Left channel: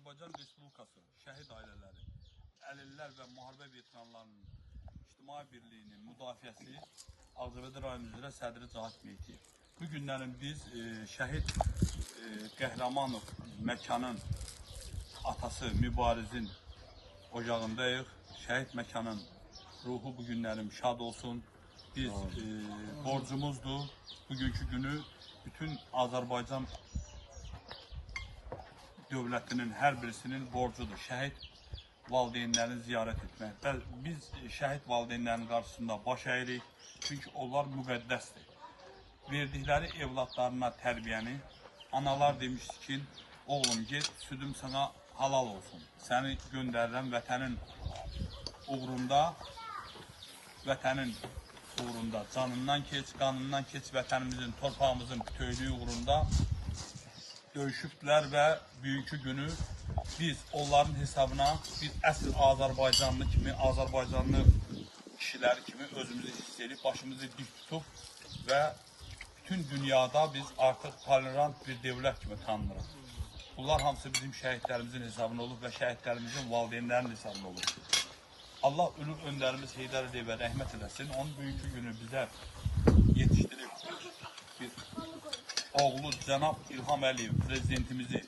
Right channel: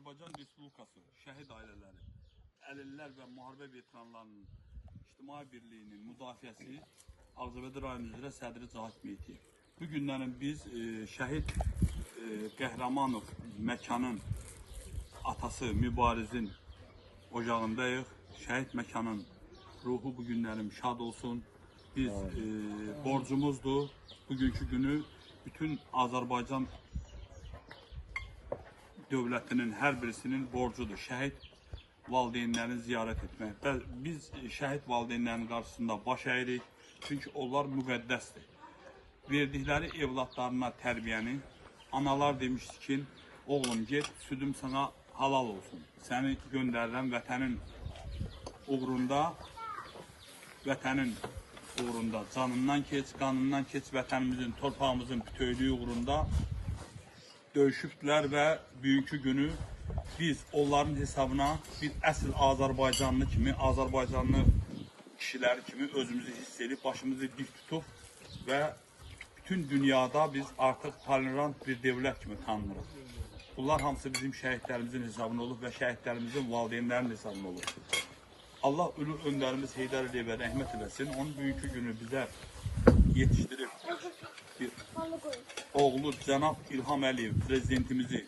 Azərbaycan Respublikası şəhid ailələri, əlillər və müharibə veteranlarının İctimai Birliyinin müdafiəsi Ağcabədi rayonu üzrə sədri Cahit Meyti. Bu günlərin biz e, şəhid e, Qəhrəmanov məkanın atası Mübarizin ocağındayıq. Şəhid məkanın ruhu bu günlərim şad olsun. Biz e, borcumuzdur. Bugünkü günü bütün Azərbaycan dövlətinin hər birisinin borcudur. Şəhid valideynlərini ziyarət etmək. Və biz şəhid valideynlərin qarşısında baş əyirik. Çünki onlar müqəddəsdir. Verdikləri evladlarına tərbiyəni analar demişdi ki, oğlum get, südüm sana halal olsun. Səni göndərirəm vətənin uğrunda, vətənin uğrunda canından keç, qanından keç, vətənimizin, torpağımızın bütövlüyü uğrunda döyüşübdülər və bugünkü günü biz onların hesabına biz əsl Azərbaycanlı kimi, Azərbaycanlı kişiləri kimi özümüzü hiss edib, başımızı dik tutub və bütün dünyada biz artıq tolerant bir dövlət kimi tanınırıq. Bunlar hamısı bizim şəhidlərimizin hesabına olub və şəhidlərimizin valideynlərinin hesabına olub. Allah ülü öndərimiz Heydər Əliyev rəhmət eləsin. Onun bugünkü günü bizə yetişdirib bir oğlu Cənab İlham Əliyev prezidentimizi